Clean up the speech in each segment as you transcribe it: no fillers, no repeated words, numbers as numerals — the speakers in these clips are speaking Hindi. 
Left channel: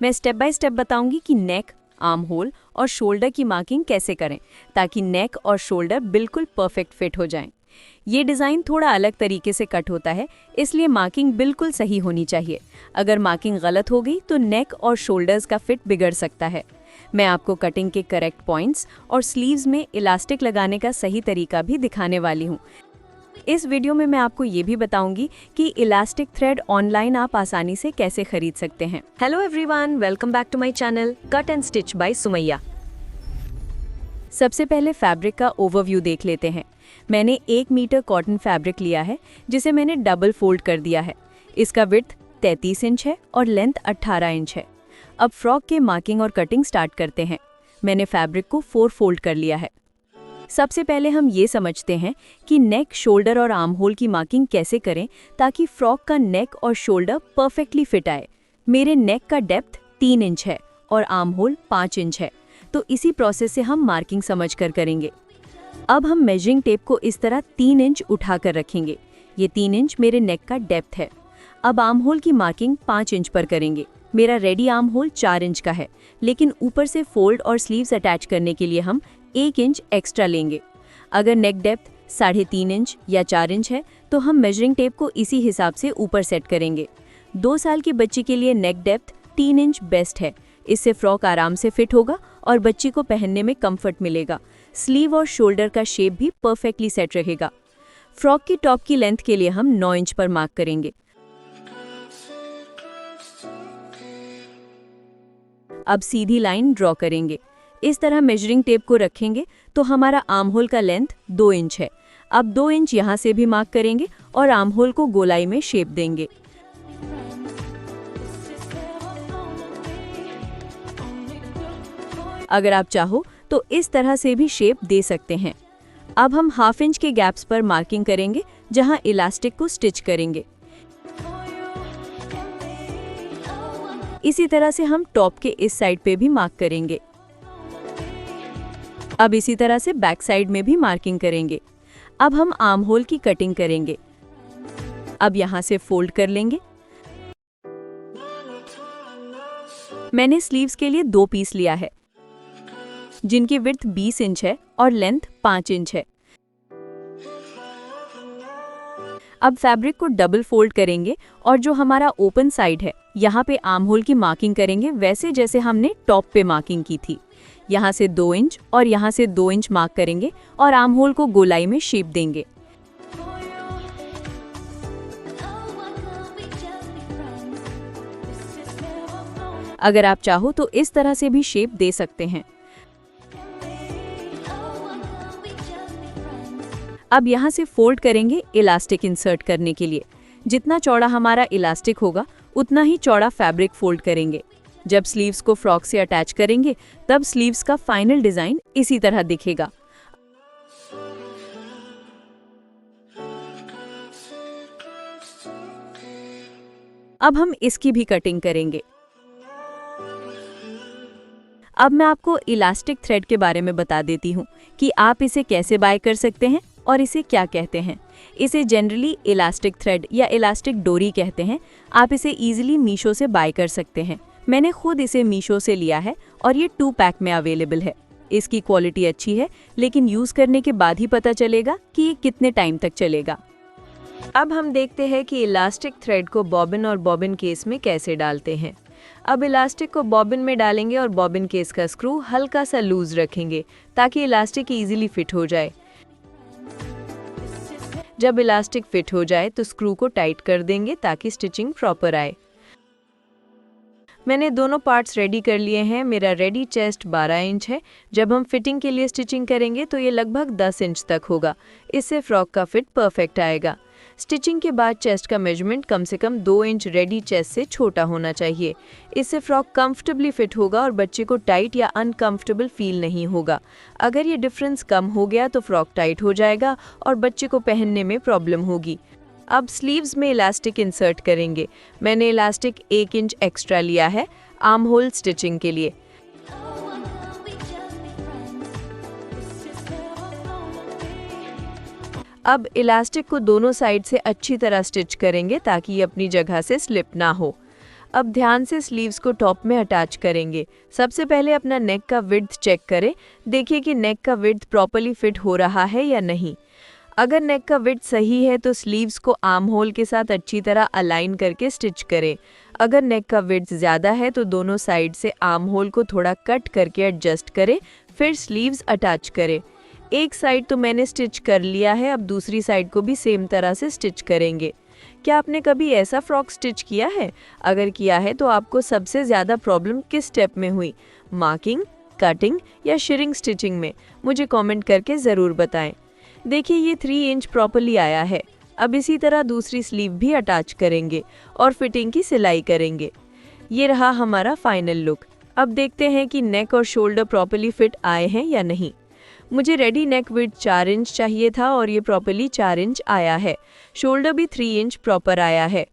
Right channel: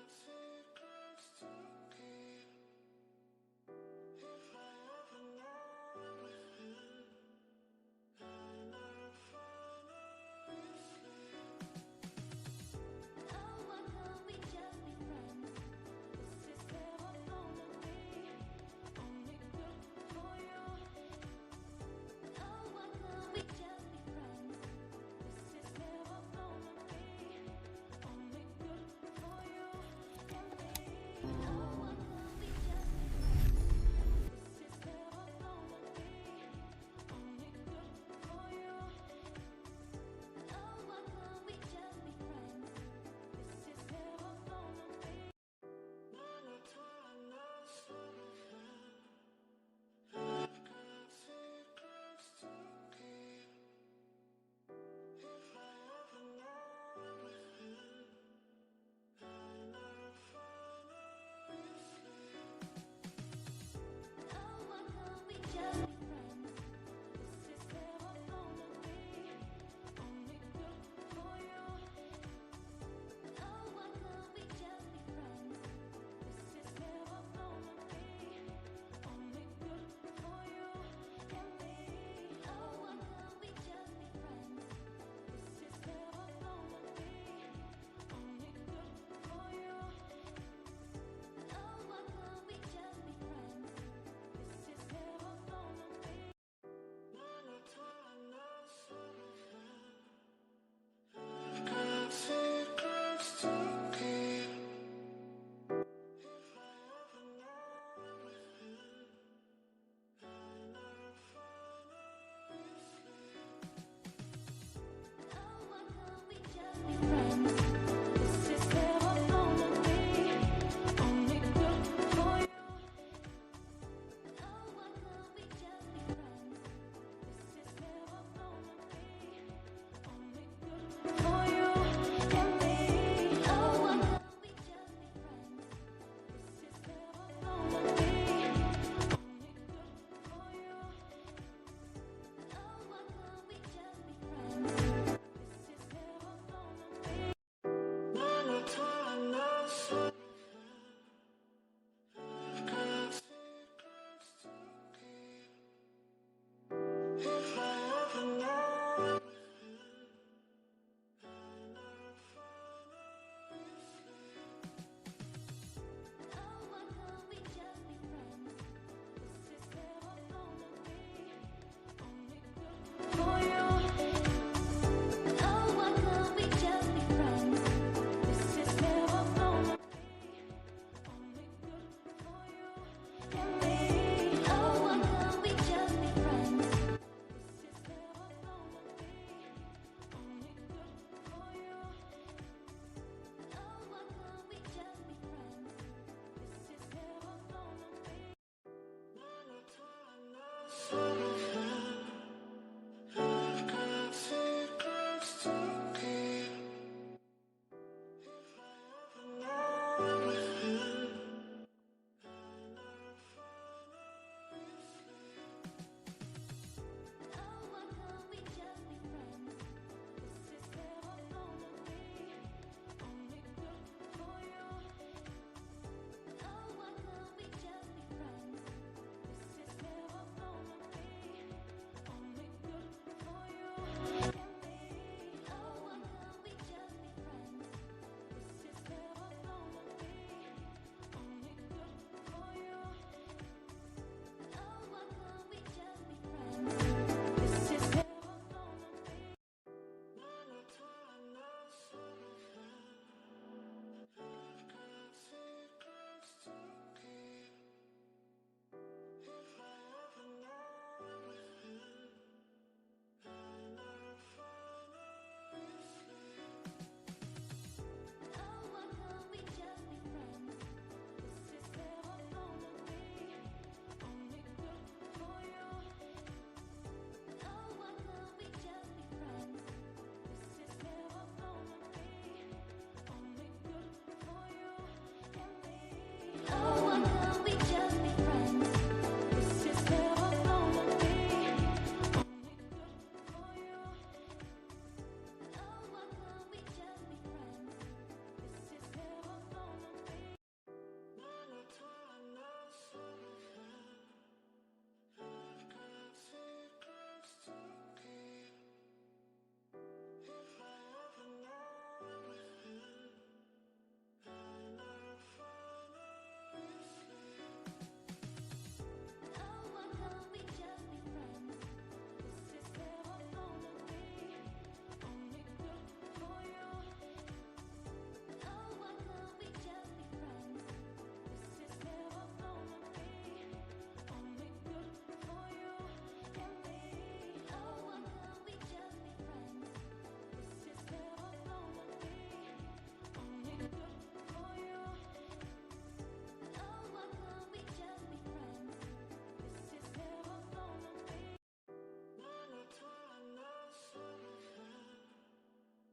मैं स्टेप बाय स्टेप बताऊंगी कि नेक, आर्म होल और शोल्डर की मार्किंग कैसे करें ताकि नेक और शोल्डर बिल्कुल परफेक्ट फिट हो जाएं। ये डिज़ाइन थोड़ा अलग तरीके से कट होता है, इसलिए मार्किंग बिल्कुल सही होनी चाहिए। अगर मार्किंग गलत हो गई तो नेक और शोल्डर्स का फिट बिगड़ सकता है। मैं आपको कटिंग के करेक्ट पॉइंट्स और स्लीव्स में इलास्टिक लगाने का सही तरीका भी दिखाने वाली हूँ। इस वीडियो में मैं आपको ये भी बताऊंगी कि इलास्टिक थ्रेड ऑनलाइन आप आसानी से कैसे खरीद सकते हैं। Hello everyone, welcome back to my channel cut and stitch by Sumaiya. सबसे पहले फैब्रिक का ओवरव्यू देख लेते हैं। मैंने 1 मीटर कॉटन फैब्रिक लिया है जिसे मैंने डबल फोल्ड कर दिया है। इसका विड्थ 33 इंच है और लेंथ 18 इंच है। अब फ्रॉक के मार्किंग और कटिंग स्टार्ट करते हैं। मैंने फैब्रिक को 4 फोल्ड कर लिया है। सबसे पहले हम ये समझते हैं कि नेक, शोल्डर और आर्म होल की मार्किंग कैसे करें ताकि फ्रॉक का नेक और शोल्डर परफेक्टली फिट आए। मेरे नेक का डेप्थ 3 इंच है और आर्म होल 5 इंच है, तो इसी प्रोसेस से हम मार्किंग समझ कर करेंगे। अब हम मेजरिंग टेप को इस तरह 3 इंच उठाकर रखेंगे। ये 3 इंच मेरे नेक का डेप्थ है। अब आर्म होल की मार्किंग 5 इंच पर करेंगे। मेरा रेडी आर्म होल 4 इंच का है, लेकिन ऊपर से फोल्ड और स्लीव्स अटैच करने के लिए हम 1 इंच एक्स्ट्रा लेंगे। अगर नेक डेप्थ 3.5 इंच या 4 इंच है तो हम मेजरिंग टेप को इसी हिसाब से ऊपर सेट करेंगे। 2 साल के बच्चे के लिए नेक डेप्थ 3 इंच बेस्ट है। इससे फ्रॉक आराम से फिट होगा और बच्ची को पहनने में कंफर्ट मिलेगा। स्लीव और शोल्डर का शेप भी परफेक्टली सेट रहेगा। फ्रॉक की टॉप की लेंथ के लिए हम 9 इंच पर मार्क करेंगे। अब सीधी लाइन ड्रॉ करेंगे। इस तरह मेजरिंग टेप को रखेंगे तो हमारा आर्म होल का लेंथ 2 इंच है। अब 2 इंच यहाँ से भी मार्क करेंगे और आर्म होल को गोलाई में शेप देंगे। अगर आप चाहो तो इस तरह से भी शेप दे सकते हैं। अब हम 1/2 इंच के गैप्स पर मार्किंग करेंगे जहां इलास्टिक को स्टिच करेंगे। इसी तरह से हम टॉप के इस साइड पे भी मार्क करेंगे। अब इसी तरह से बैक साइड में भी मार्किंग करेंगे। अब हम आर्म होल की कटिंग करेंगे। अब यहाँ से फोल्ड कर लेंगे। मैंने स्लीव्स के लिए 2 पीस लिया है जिनकी विड्थ 20 इंच है और लेंथ 5 इंच है। अब फैब्रिक को डबल फोल्ड करेंगे और जो हमारा ओपन साइड है यहाँ पे आर्म होल की मार्किंग करेंगे, वैसे जैसे हमने टॉप पे मार्किंग की थी। यहाँ से 2 इंच और यहाँ से 2 इंच मार्क करेंगे और आर्म होल को गोलाई में शेप देंगे। अगर आप चाहो तो इस तरह से भी शेप दे सकते हैं। अब यहाँ से फोल्ड करेंगे इलास्टिक इंसर्ट करने के लिए। जितना चौड़ा हमारा इलास्टिक होगा उतना ही चौड़ा फैब्रिक फोल्ड करेंगे। जब स्लीव्स को फ्रॉक से अटैच करेंगे तब स्लीव्स का फाइनल डिजाइन इसी तरह दिखेगा। अब हम इसकी भी कटिंग करेंगे। अब मैं आपको इलास्टिक थ्रेड के बारे में बता देती हूँ कि आप इसे कैसे बाय कर सकते हैं और इसे क्या कहते हैं। इसे जनरली इलास्टिक थ्रेड या इलास्टिक डोरी कहते हैं। आप इसे इजीली मीशो से बाय कर सकते हैं। मैंने खुद इसे मीशो से लिया है और ये 2 पैक में अवेलेबल है। इसकी क्वालिटी अच्छी है, लेकिन यूज़ करने के बाद ही पता चलेगा कि ये कितने टाइम तक चलेगा। अब हम देखते हैं कि इलास्टिक थ्रेड को बॉबिन और बॉबिन केस में कैसे डालते हैं। अब इलास्टिक को बॉबिन में डालेंगे और बॉबिन केस का स्क्रू हल्का सा लूज रखेंगे ताकि इलास्टिक इजीली फिट हो जाए। जब इलास्टिक फिट हो जाए तो स्क्रू को टाइट कर देंगे ताकि स्टिचिंग प्रॉपर आए। मैंने दोनों पार्ट्स रेडी कर लिए हैं। मेरा रेडी चेस्ट 12 इंच है। जब हम फिटिंग के लिए स्टिचिंग करेंगे तो ये लगभग 10 इंच तक होगा। इससे फ्रॉक का फिट परफेक्ट आएगा। स्टिचिंग के बाद चेस्ट का मेजरमेंट कम से कम 2 इंच रेडी चेस्ट से छोटा होना चाहिए। इससे फ्रॉक कंफर्टेबली फिट होगा और बच्चे को टाइट या अनकंफर्टेबल फील नहीं होगा। अगर ये डिफरेंस कम हो गया तो फ्रॉक टाइट हो जाएगा और बच्चे को पहनने में प्रॉब्लम होगी। अब स्लीव्स में इलास्टिक इंसर्ट करेंगे। मैंने इलास्टिक 1 इंच एक्स्ट्रा लिया है आर्म होल स्टिचिंग के लिए। अब इलास्टिक को दोनों साइड से अच्छी तरह स्टिच करेंगे ताकि ये अपनी जगह से स्लिप ना हो। अब ध्यान से स्लीव्स को टॉप में अटैच करेंगे। सबसे पहले अपना नेक का विड्थ चेक करें, देखिए कि नेक का विड्थ प्रॉपर्ली फिट हो रहा है या नहीं। अगर नेक का विड्थ सही है तो स्लीव्स को आर्म होल के साथ अच्छी तरह अलाइन करके स्टिच करें। अगर नेक का विड्थ ज़्यादा है तो दोनों साइड से आर्म होल को थोड़ा कट करके एडजस्ट करें, फिर स्लीव्स अटैच करें। एक साइड तो मैंने स्टिच कर लिया है, अब दूसरी साइड को भी सेम तरह से स्टिच करेंगे। क्या आपने कभी ऐसा फ्रॉक स्टिच किया है? अगर किया है तो आपको सबसे ज़्यादा प्रॉब्लम किस स्टेप में हुई? मार्किंग, कटिंग या शिरिंग स्टिचिंग में? मुझे कमेंट करके ज़रूर बताएं। देखिए ये 3 इंच प्रॉपर्ली आया है। अब इसी तरह दूसरी स्लीव भी अटैच करेंगे और फिटिंग की सिलाई करेंगे। ये रहा हमारा फाइनल लुक। अब देखते हैं कि नेक और शोल्डर प्रॉपर्ली फिट आए हैं या नहीं। मुझे रेडी नेक विड्थ 4 इंच चाहिए था और ये प्रॉपर्ली 4 इंच आया है। शोल्डर भी 3 इंच प्रॉपर आया है।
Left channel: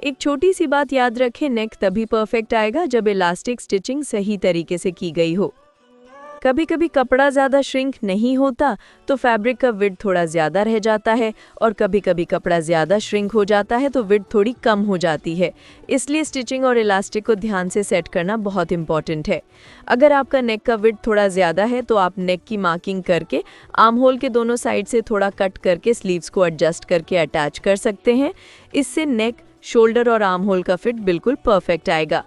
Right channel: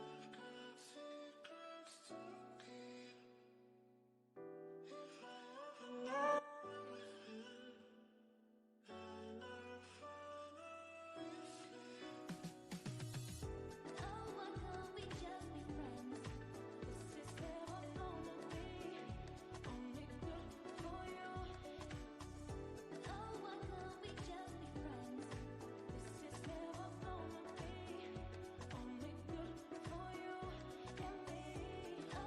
एक छोटी सी बात याद रखें, नेक तभी परफेक्ट आएगा जब इलास्टिक स्टिचिंग सही तरीके से की गई हो। कभी कभी कपड़ा ज़्यादा श्रिंक नहीं होता तो फैब्रिक का विड्थ थोड़ा ज़्यादा रह जाता है, और कभी कभी कपड़ा ज़्यादा श्रिंक हो जाता है तो विड्थ थोड़ी कम हो जाती है। इसलिए स्टिचिंग और इलास्टिक को ध्यान से सेट करना बहुत इंपॉर्टेंट है। अगर आपका नेक का विड्थ थोड़ा ज़्यादा है तो आप नेक की मार्किंग करके आर्म होल के दोनों साइड से थोड़ा कट करके स्लीव्स को एडजस्ट करके अटैच कर सकते हैं। इससे नेक, शोल्डर और आर्म होल का फिट बिल्कुल परफेक्ट आएगा।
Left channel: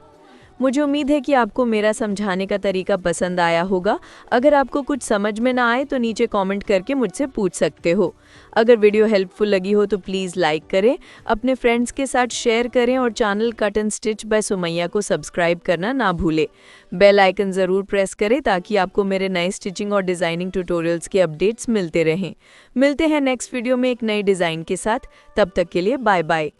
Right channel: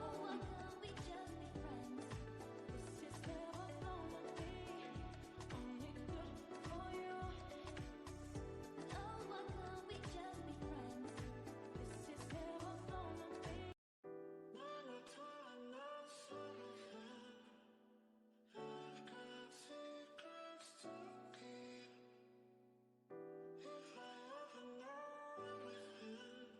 मुझे उम्मीद है कि आपको मेरा समझाने का तरीका पसंद आया होगा। अगर आपको कुछ समझ में ना आए तो नीचे कमेंट करके मुझसे पूछ सकते हो। अगर वीडियो हेल्पफुल लगी हो तो प्लीज़ लाइक करें, अपने फ्रेंड्स के साथ शेयर करें और channel cut and stitch by Sumaiya को सब्सक्राइब करना ना भूलें। बेल आइकन ज़रूर प्रेस करें ताकि आपको मेरे नए स्टिचिंग और डिज़ाइनिंग ट्यूटोरियल्स के अपडेट्स मिलते रहें। मिलते हैं नेक्स्ट वीडियो में एक नई डिज़ाइन के साथ। तब तक के लिए बाय बाय।